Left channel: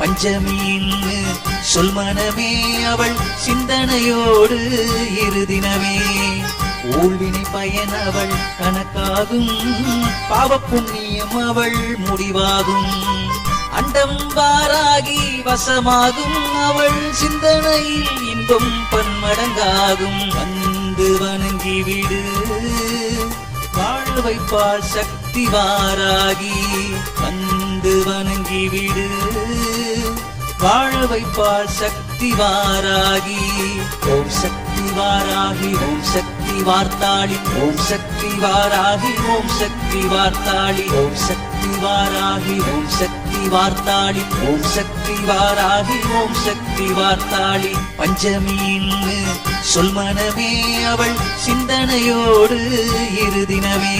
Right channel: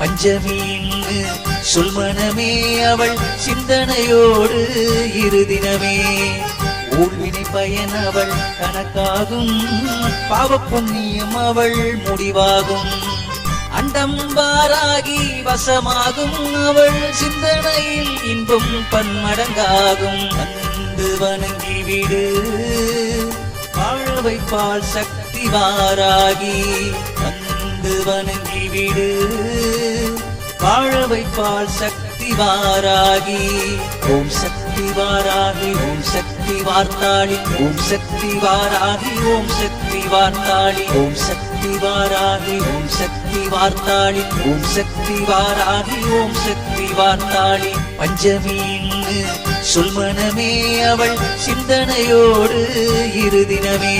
பஞ்சமின்னு சொல் மனமே அவள் சிந்தனையோடு இருதினமே. ஊழ்வினை பயன் அவள் கணக்காகும். பாவ புண்ணியம் அவள் முடிவாகும். அண்டம் பாராகி வசமாகும். அவள் சிந்தனையில் இன்பம் பன்மடங்காகும். கண்டு வணங்கி விடு. வாழ்வைப்பாள் சக்தி வாராகி. வணங்கி விடு வாழ வைப்பாள் சக்தி வாராகி ஓம் சக்தி வாராகி ஓம் சக்தி வார்த்தாளி ஓம் சக்தி வாராகி ஓம் சக்தி வார்த்தாளி ஓம் சக்தி வாராகி ஓம் சக்தி வார்த்தாளி ஓம் சக்தி வாராகி ஓம் சக்தி வார்த்தாளி பஞ்சமின்னு சொல்மனமே அவள் சிந்தனையோடு இருதினமே.